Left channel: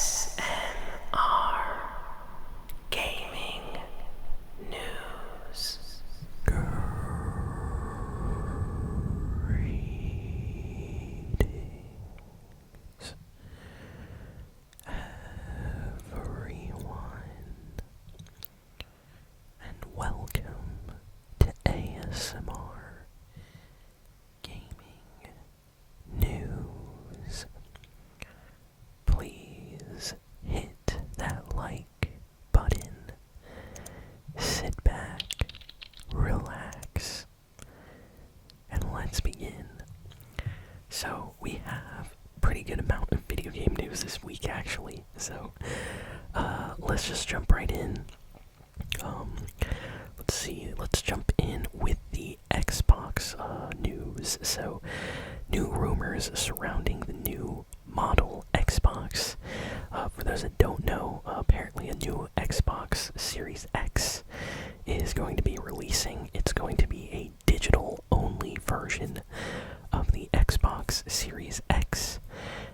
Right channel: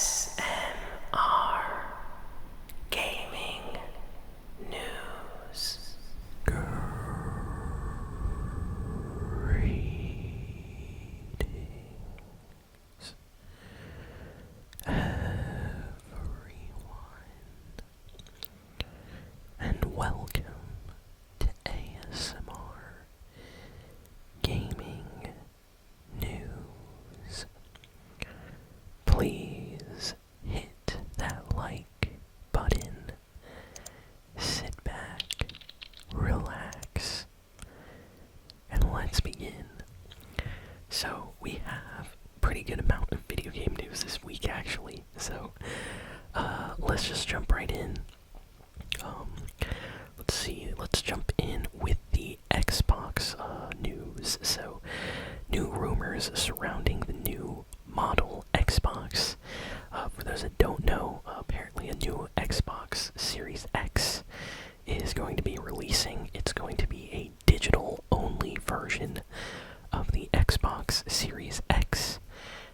ASMR Gaming News. Greetings, everyone, and welcome to ASMR Gaming News. Please hit that like button, sit back, relax, and let's begin. So we have a pretty good amount of video game news this week actually, so let's just jump right in. Let's jump in with the Xbox news. So, new rumors surrounding the new model Xbox. For those that don't know, apparently a new Xbox Series X is going to be releasing. It's going to be a digital-only version of the Xbox Series X.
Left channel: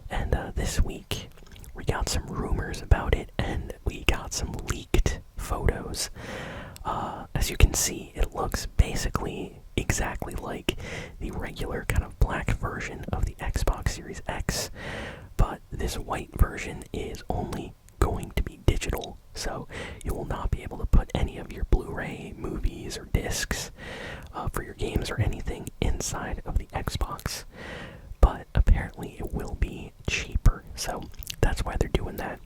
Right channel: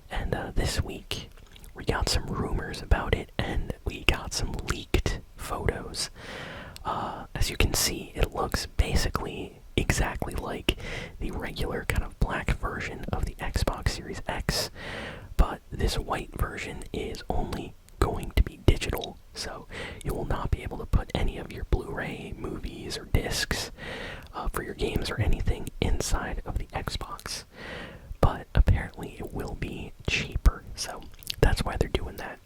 And this week, we got some rumors about it, and we got some leaked photos. As you can see, it looks basically exactly like the regular kind of black version of the Xbox Series X, but this white version is only going to be digital, so you will not be able to put any of your Blu-ray movies or discs for your games or anything inside of the Xbox. But apparently it will be cheaper, so that's why they're doing that.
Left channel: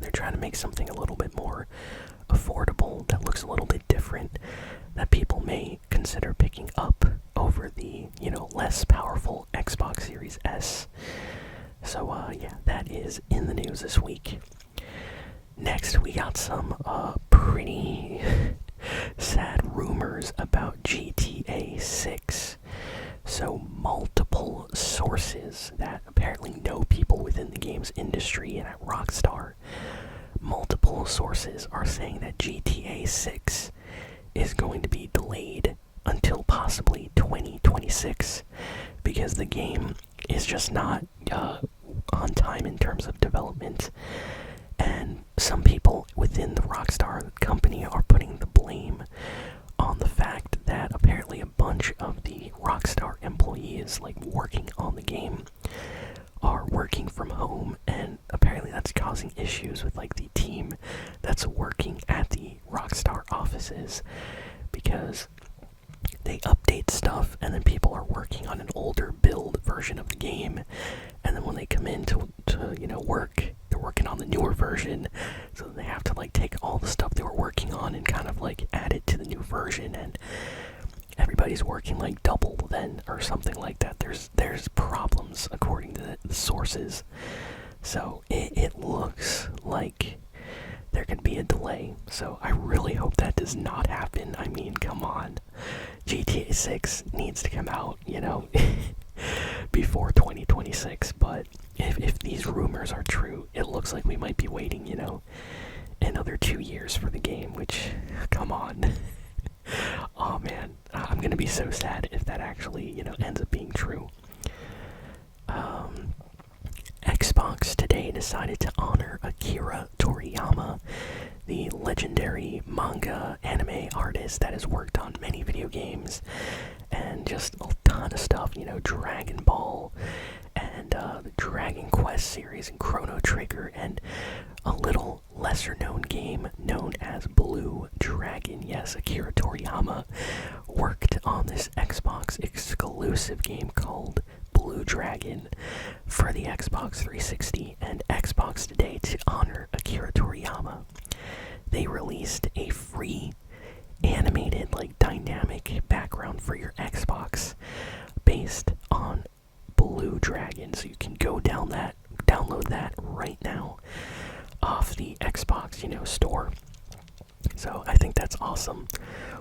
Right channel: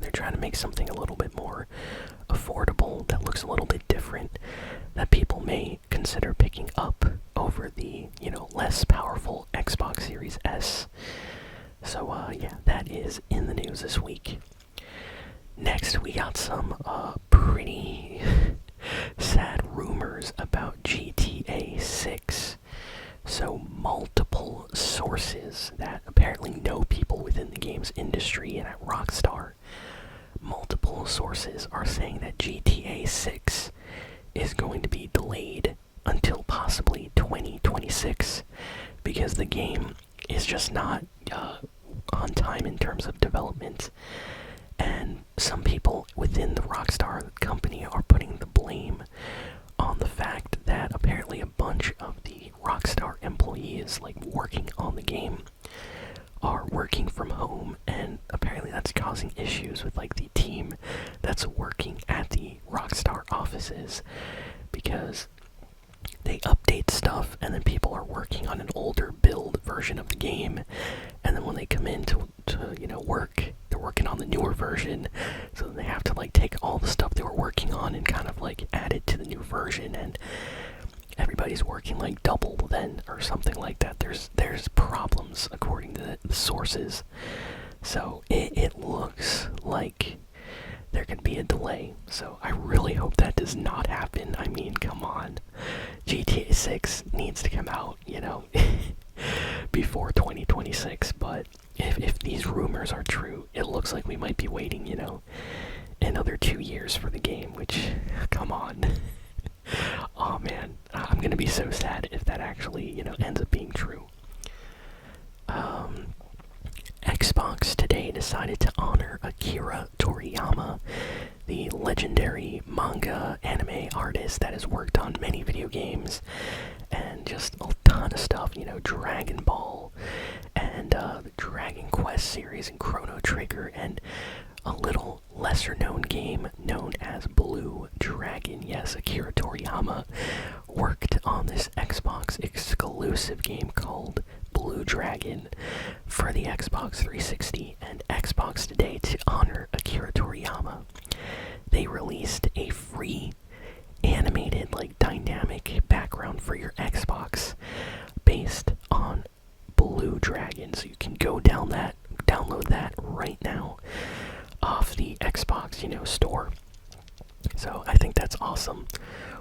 They're trying to make something a little bit more affordable, that looks a little bit different, that people may consider picking up over the, less powerful Xbox Series S. So, yeah, that is in the news this week. Next, we got some pretty sad rumors about GTA 6. So, multiple sources that apparently know people within the games industry and at Rockstar, multiple sources are saying that GTA 6 is going to be delayed until possibly 2026 because the game is just not on time in terms of development. And some people within the Rockstar company are putting the blame on the fact that apparently a bunch of the Rockstar employees, working on the game, are working from home, and apparently that's causing issues with, the team that's working at the Rockstar offices, because they update stuff, and then people are working on an older build version of the game, and then when they come in to work, they're working on the newer version, so they have to, take all the stuff they were working on and kind of, add it to the new version, and everybody's working, double then, or something like that. There's problems, according to the sources, so it looks like there could be a delay, so I really hope that does not happen. I mean, come on. GTA 6 needs to come out, before 2026, but if these rumors are true, it looks like we might be waiting, another 2 years for the game, which, come on. Oh man, I'm gonna be so sad if that actually, ends up being true. Xbox today decided to honor Akira Toriyama, the legendary manga anime artist that has worked on many video games and just a ton of stuff, Dragon Ball and the Dragon Quest series and Chrono Trigger and a little lesser known game known as Blue Dragon. Yes, Akira Toriyama worked on this Xbox exclusive game called Blue Dragon for the Xbox 360 and Xbox today to honor Akira Toriyama. They released a free animated, dynamic background for your Xbox based on Blue Dragon, so you can go download that right now off the Xbox, store. So I think that's awesome.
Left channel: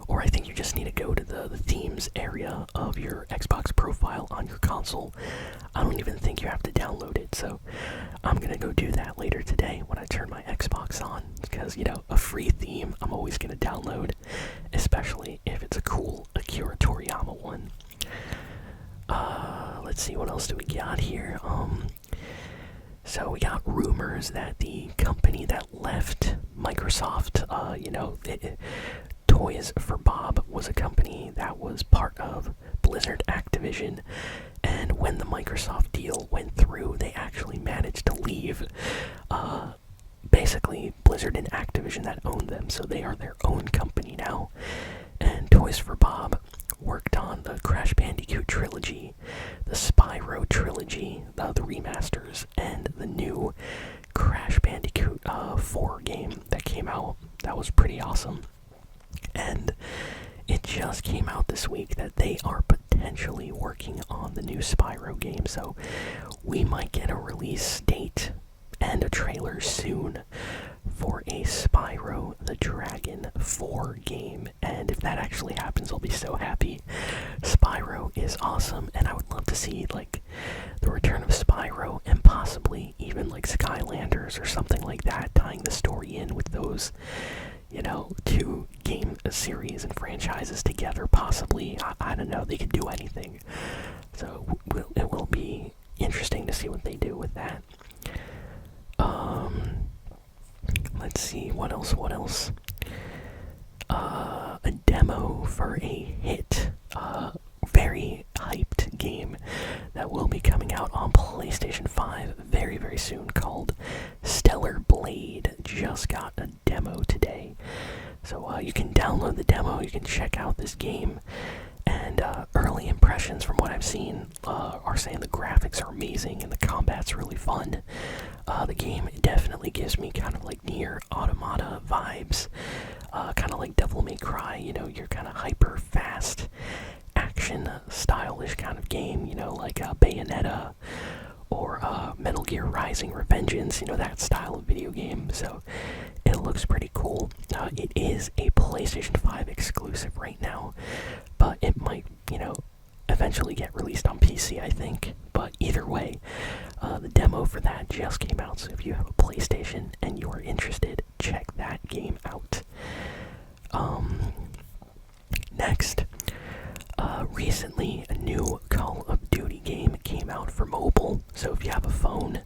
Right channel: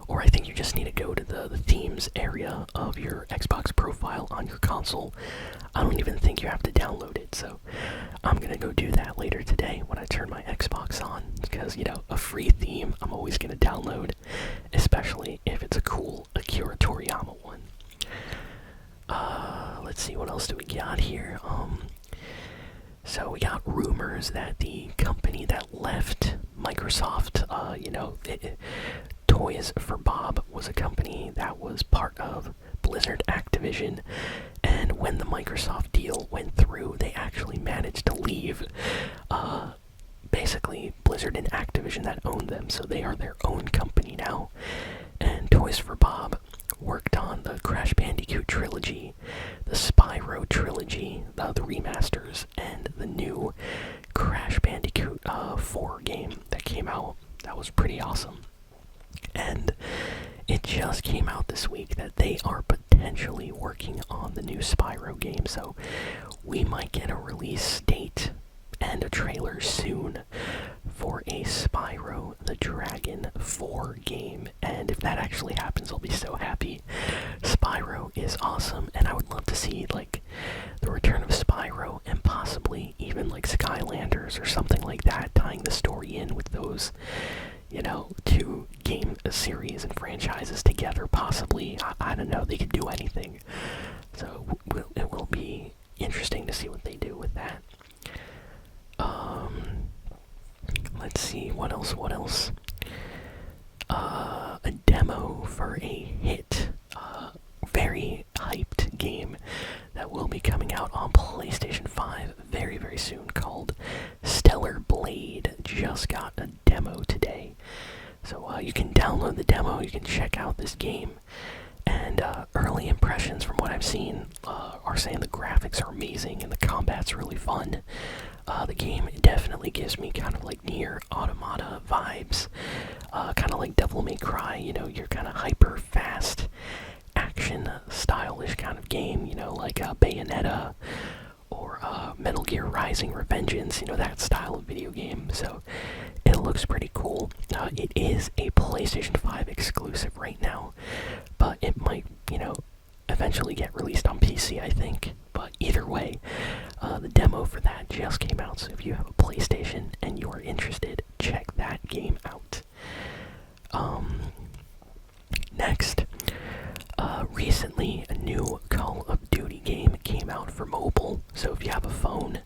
Or I think you just need to go to the themes area of your Xbox profile on your console. I don't even think you have to download it, so I'm gonna go do that later today when I turn my Xbox on, because, a free theme I'm always gonna download, especially if it's a cool Akira Toriyama one. Let's see, what else do we got here? So we got rumors that the company that left Microsoft, Toys for Bob was a company that was part of Blizzard Activision, and when the Microsoft deal went through, they actually managed to leave. Basically, Blizzard and Activision that owned them, so they are their own company now. And Toys for Bob worked on the Crash Bandicoot trilogy, the Spyro trilogy, the remasters, and the new Crash Bandicoot 4 game that came out. That was pretty awesome. And it just came out this week that they are potentially working on the new Spyro game, so we might get a release date and a trailer soon for a Spyro the Dragon 4 game. And if that actually happens, I'll be so happy. Spyro is awesome, and I would love to see like the return of Spyro and possibly even like Skylanders or something like that, tying the story in with those, two game series and franchises together, possibly. I don't know, they could do anything. So it will be interesting to see what they do with that. Let's see, what else? A demo for a hit, very hyped game that will be coming out on PlayStation 5 very, very soon, called Stellar Blade. Just got a demo today. So you can download the demo, you can check out this game, and early impressions from what I've seen are saying the graphics are amazing and the combat's really fun. The game definitely gives me kind of like Nier Automata vibes, kind of like Devil May Cry, you're kind of hyper fast, action stylish kind of game, like Bayonetta or Metal Gear Rising Revengeance, that style of video game. So it looks pretty cool. It is a PlayStation 5 exclusive right now, but it might, eventually get released on PC, I think. But either way, the demo for that just came out, so if you have a PlayStation and you are interested, check that game out. Next, recently a new Call of Duty game came out for mobile, so if you have a phone,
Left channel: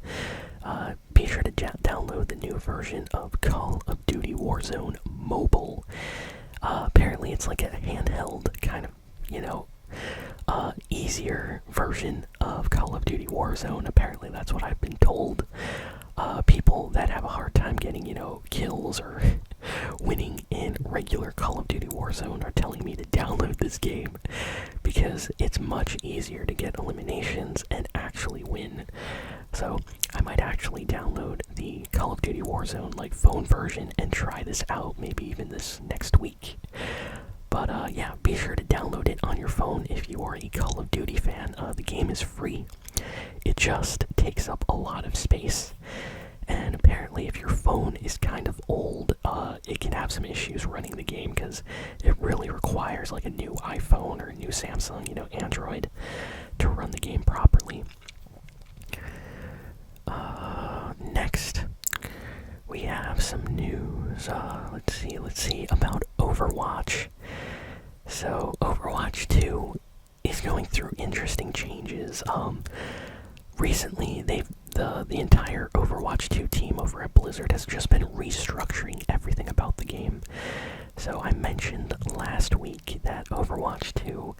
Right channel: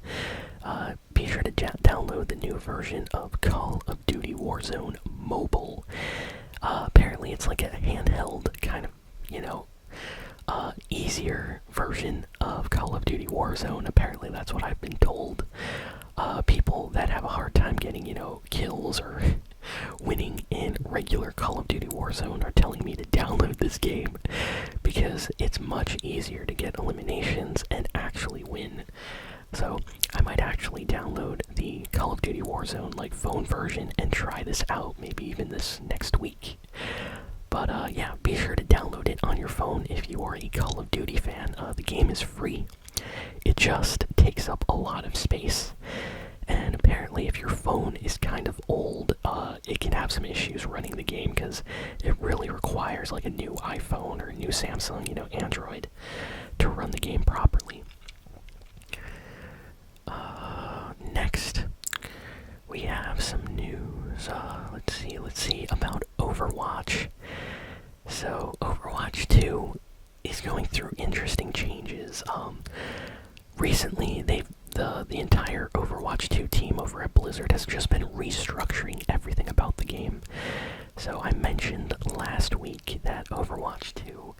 be sure to download the new version of Call of Duty Warzone Mobile. Apparently it's like a handheld kind of, easier version of Call of Duty Warzone. Apparently that's what I've been told. People that have a hard time getting, kills or winning in regular Call of Duty Warzone are telling me to download this game because it's much easier to get eliminations and actually win. So I might actually download the Call of Duty Warzone phone version and try this out, maybe even this next week. But yeah, be sure to download it on your phone if you are a Call of Duty fan. The game is free. It just takes up a lot of space. And apparently if your phone is kind of old, it can have some issues running the game because it really requires a new iPhone or a new Samsung, Android, to run the game properly. Next, we have some news. Let's see about Overwatch. So Overwatch 2 is going through interesting changes. Recently, the entire Overwatch 2 team over at Blizzard has just been restructuring everything about the game. So I mentioned last week that Overwatch 2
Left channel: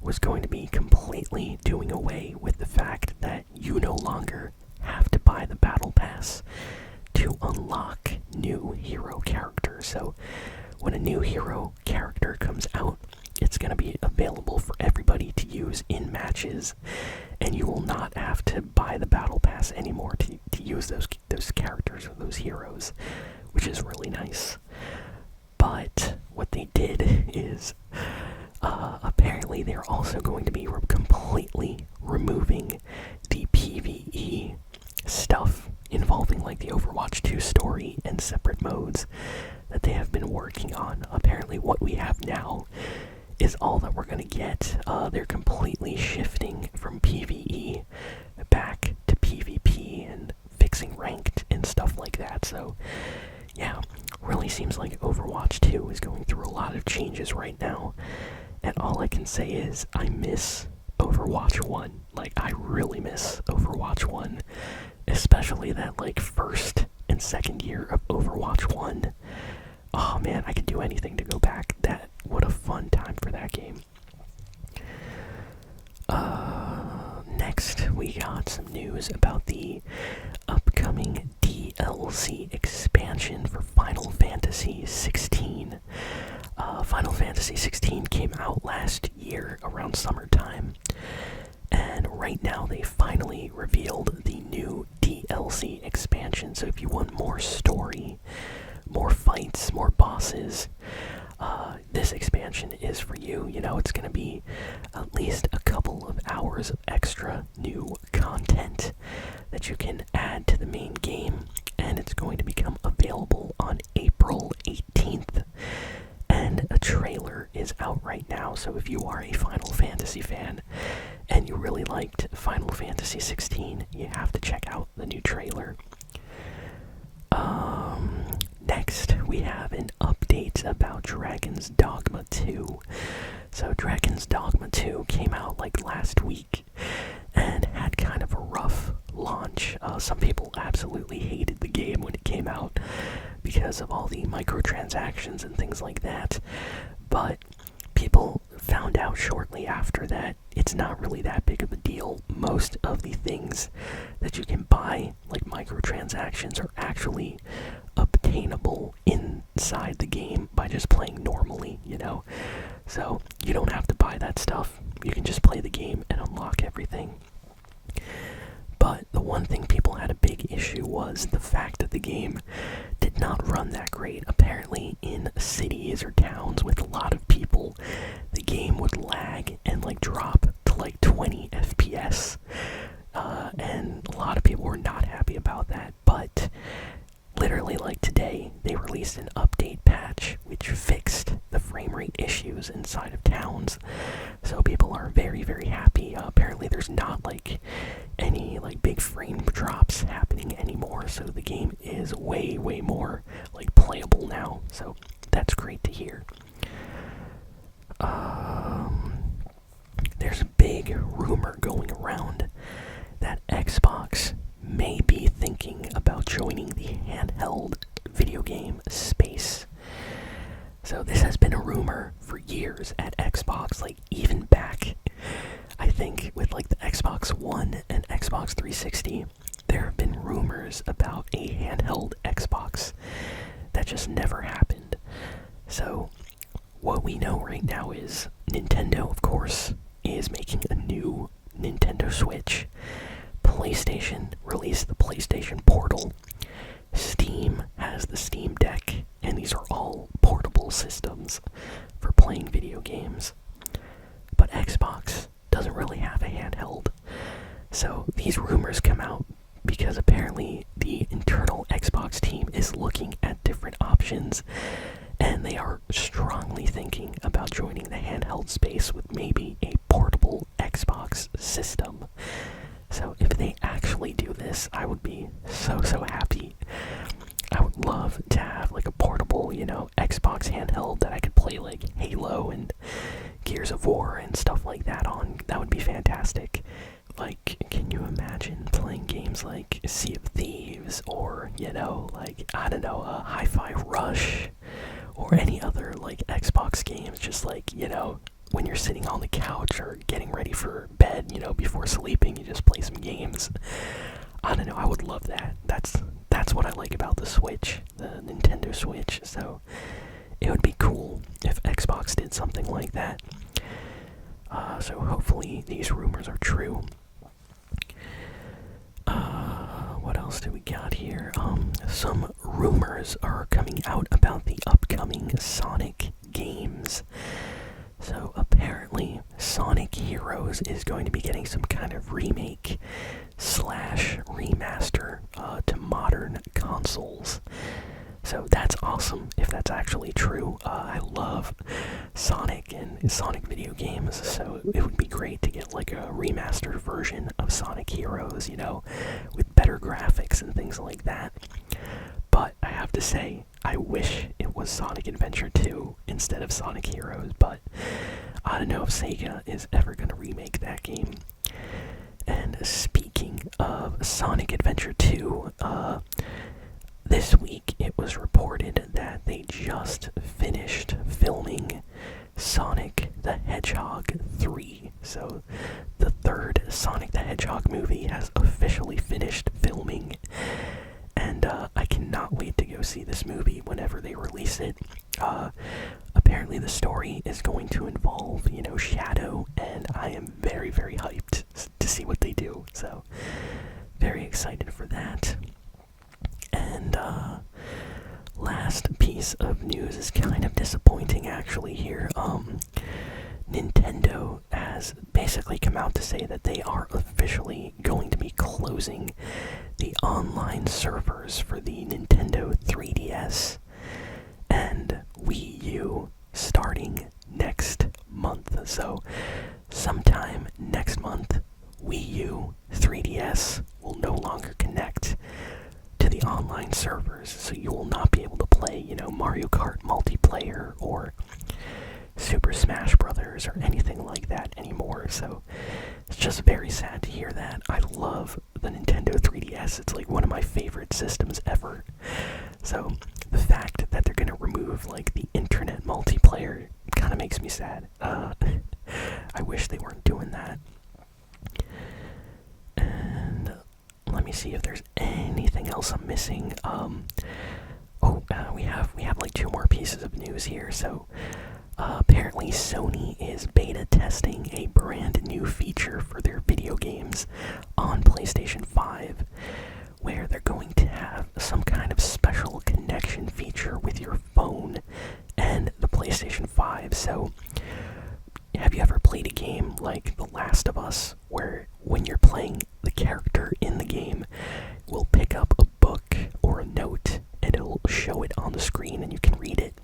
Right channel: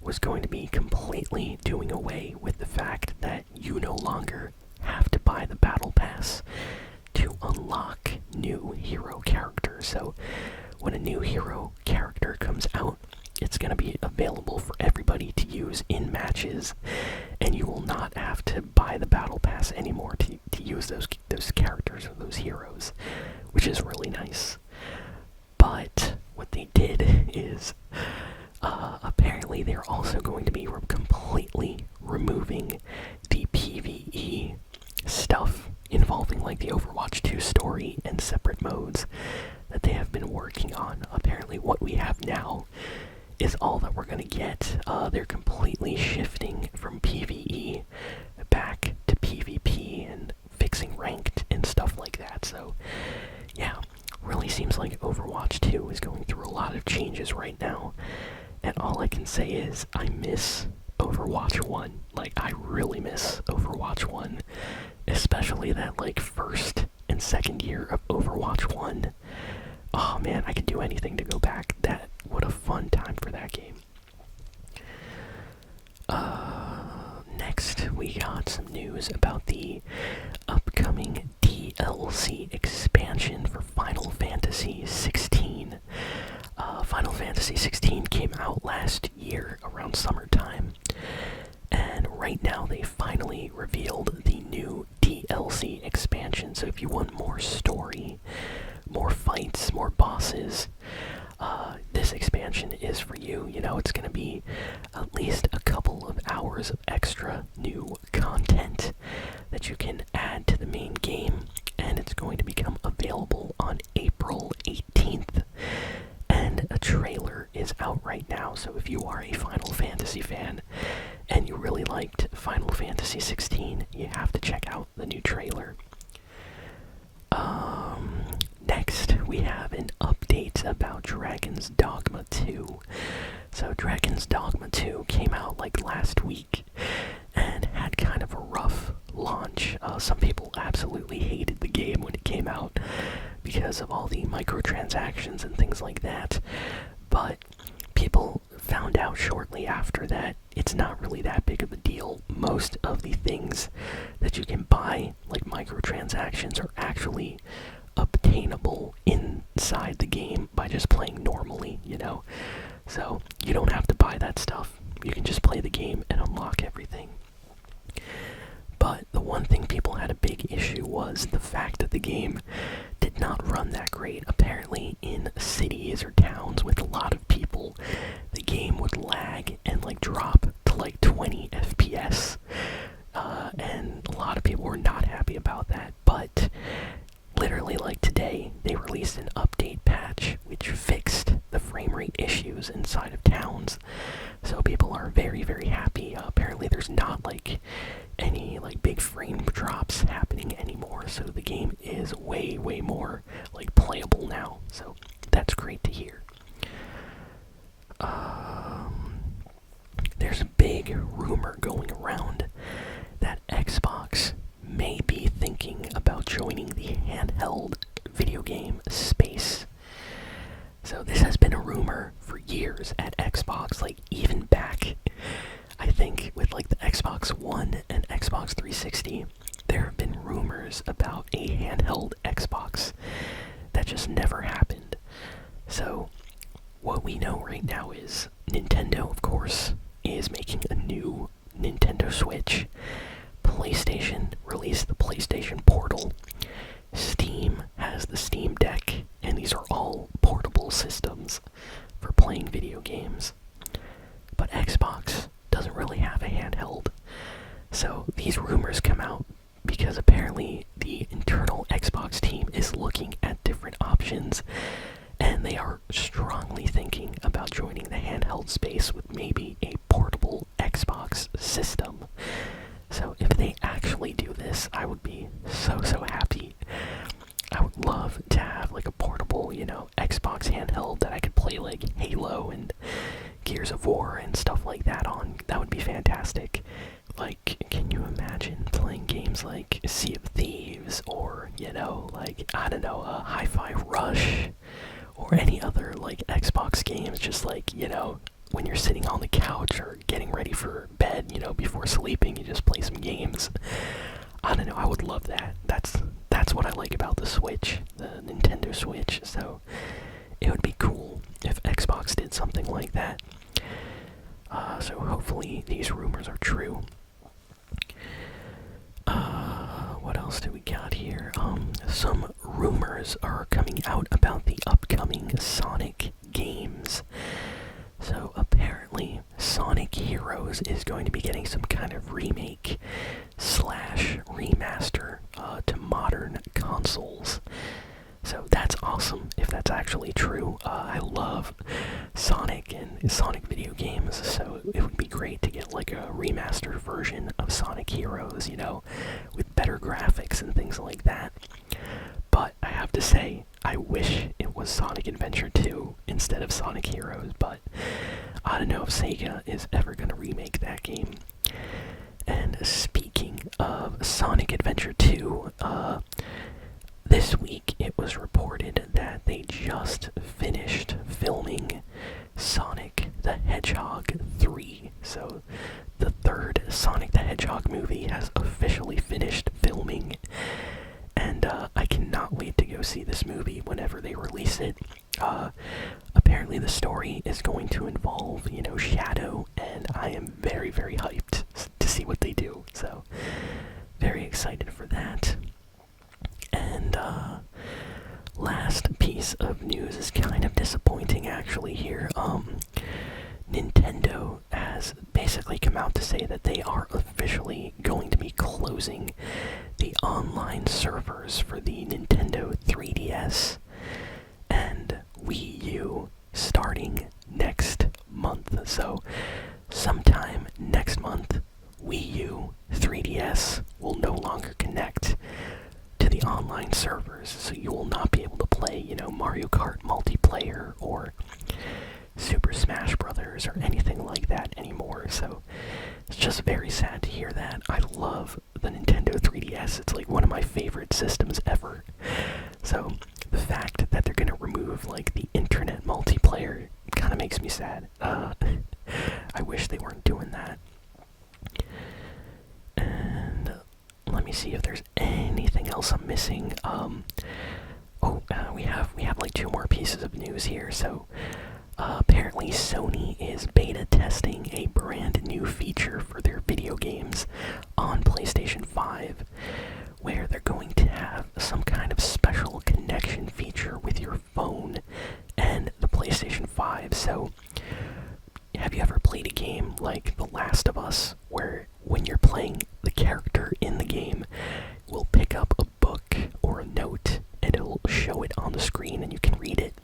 was going to be completely doing away with the fact that you no longer have to buy the battle pass to unlock new hero characters. So when a new hero character comes out, it's going to be available for everybody to use in matches, and you will not have to buy the battle pass anymore to use those characters or those heroes, which is really nice. But what they did is apparently they're also going to be completely removing the PvE stuff involving the Overwatch 2 story and separate modes that they have been working on. Apparently what we have now is all that we're going to get. They're completely shifting from PvE back to PvP and fixing ranked and stuff like that. So yeah, really seems like Overwatch 2 is going through a lot of changes right now, and all I can say is I miss Overwatch 1. I really miss Overwatch 1, Especially that like first and second year of Overwatch 1. Oh man, I could do anything to go back. What a fun time for that game. Next, we got some news about the upcoming DLC expansion for Final Fantasy 16. Final Fantasy 16 came out last year around summertime, and right now they finally revealed the new DLC expansion. So if you want more story, more fights, more bosses, this expansion is for you. You know, it's going to be at least a couple of hours of extra new content that you can add to the main game, and it's going to become available on April 18th. And a trailer is out right now, so if you are a Final Fantasy fan and you really liked Final Fantasy 16, you have to check out the new trailer. Next, we have an update about Dragon's Dogma 2. So Dragon's Dogma 2 came out like last week and had kind of a rough launch. Some people absolutely hated the game when it came out because of all the microtransactions and things like that. But people found out shortly after that it's not really that big of a deal. Most of the things that you can buy, like microtransactions, are actually obtainable inside the game by just playing normally, you know? So you don't have to buy that stuff. You can just play the game and unlock everything. But the one thing people had a big issue was the fact that the game did not run that great. Apparently in cities or towns with a lot of people, the game would lag and like drop to like 20 FPS. And a lot of people were not happy about that. But literally like today, they released an update patch which fixed the frame rate issues inside of towns. So people are very, very happy. Apparently there's not like any like big frame drops happening anymore. So the game is way, way more like playable now. So that's great to hear. There's a big rumor going around that Xbox may be thinking about joining the handheld video game space. So this has been a rumor for years at Xbox, like even back, I think, with like the Xbox One and Xbox 360, there have been rumors about a handheld Xbox that just never happened. So what we know right now is Nintendo, of course, is making a new Nintendo Switch. PlayStation released the PlayStation Portal. Steam has the Steam Deck, and these are all portable systems for playing video games. But Xbox doesn't really have a handheld. So these rumors come out because apparently the internal Xbox team is looking at different options, and they are strongly thinking about joining the handheld space with maybe a portable Xbox system. So if they actually do this, I would be so, so happy. I would love to have like a portable, you know, Xbox handheld that I could play like Halo and Gears of War and stuff like that on. That would be fantastic. Like, can you imagine playing games like Sea of Thieves or, you know, like, I don't know, Hi-Fi Rush or any other like Xbox games, just like, you know, when you're sitting on the couch or getting ready for bed, you know, before sleeping, you just play some games. I don't know, I would love that. That's what I like about the Switch, the Nintendo Switch. So it would be cool if Xbox did something like that. So hopefully these rumors are true. What else do we got here? Some rumors are coming out about the upcoming Sonic games. So apparently Sonic Heroes is going to be getting some kind of remake / remaster to modern consoles. So that's awesome if that's actually true. I love Sonic and Sonic video games, so it would be great to get like a remastered version of Sonic Heroes, you know, with better graphics and things like that. But I have to say, I wish it was Sonic Adventure 2 instead of Sonic Heroes, but I don't know if Sega is ever going to remake that game. And speaking of Sonic Adventure 2. This week it was reported that they just finished filming Sonic the Hedgehog 3. So the third Sonic the Hedgehog movie has officially finished filming. And I cannot wait to go see this movie whenever they release it. Apparently the story is going to involve, Shadow, and I am very, very hyped to see what they do. So, very excited for that. And last piece of news is kind of disappointing actually here. Nintendo has basically come out to say that they are officially going to be closing the online servers for the Nintendo 3DS and Wii U starting next month. So sometime next month, Wii U 3DS will no longer connect to the online servers, so you will not be able to play, Mario Kart multiplayer or Super Smash Brothers or anything like that anymore. So it's just very sad to hear that. I love the Nintendo 3DS. It's like one of my favorite systems ever. So the fact that they're gonna remove like the internet multiplayer kind of makes me sad. I wish they weren't doing that. And let me see if there's anything else I'm missing. We have like 2 more pieces of news here. So apparently Sony is beta testing a brand new feature for their video games on PlayStation 5, where they're going to have some kind of special connection feature with your phone and the PlayStation 5. So have you ever played a game like The Last of Us, where when you're playing, the character in the game will pick up a book or a note and it'll show it on the screen and you can read it?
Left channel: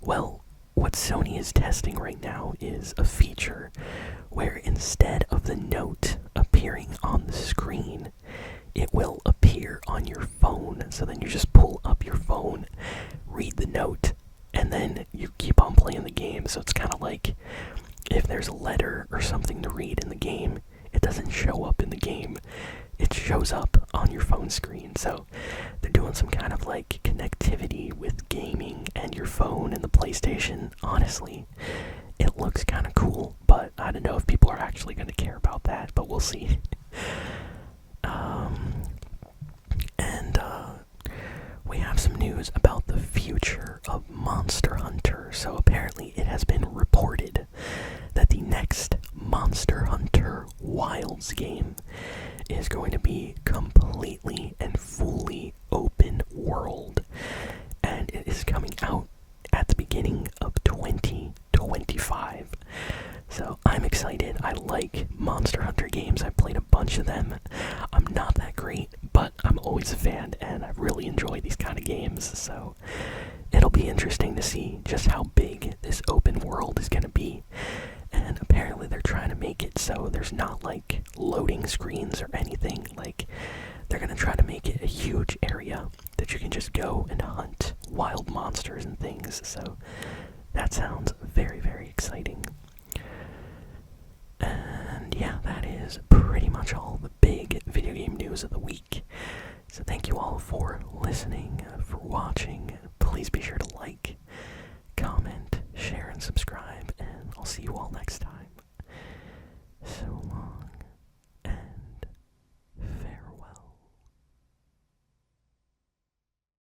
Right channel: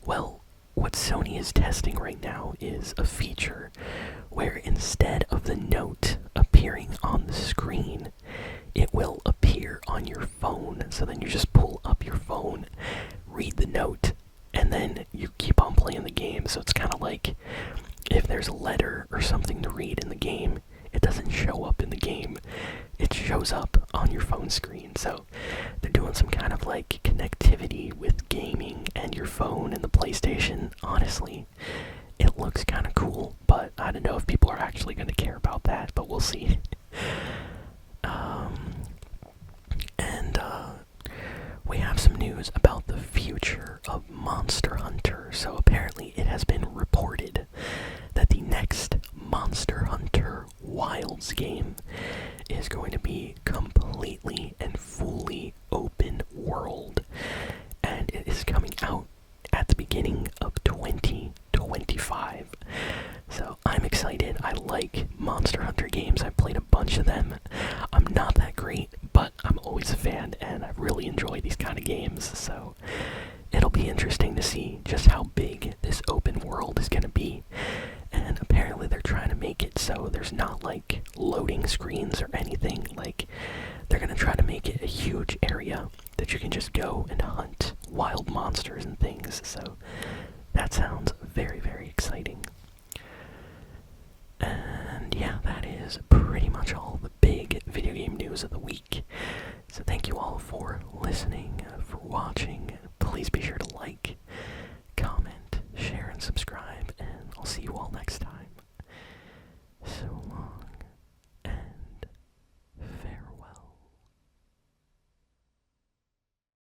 Well, what Sony is testing right now is a feature where instead of the note appearing on the screen, it will appear on your phone. So then you just pull up your phone, read the note, and then you keep on playing the game. So it's kind of like if there's a letter or something to read in the game, it doesn't show up in the game. It shows up on your phone screen. So they're doing some kind of like connectivity with gaming and your phone and the PlayStation. Honestly, it looks kind of cool, but I don't know if people are actually going to care about that, but we'll see. We have some news about the future of Monster Hunter. So apparently it has been reported that the next Monster Hunter Wilds game is going to be completely and fully open world, and it is coming out at the beginning of 2025. So I'm excited. I like Monster Hunter games. I've played a bunch of them. I'm not that great, but I'm always a fan, and I really enjoy these kind of games. So it'll be interesting to see just how big this open world is going to be. And apparently they're trying to make it so there's not like loading screens or anything. Like, they're going to try to make it a huge area that you can just go and hunt wild monsters and things. So that sounds very, very exciting. And yeah, that is pretty much all the big video game news of the week. So thank you all for listening, for watching. Please be sure to like,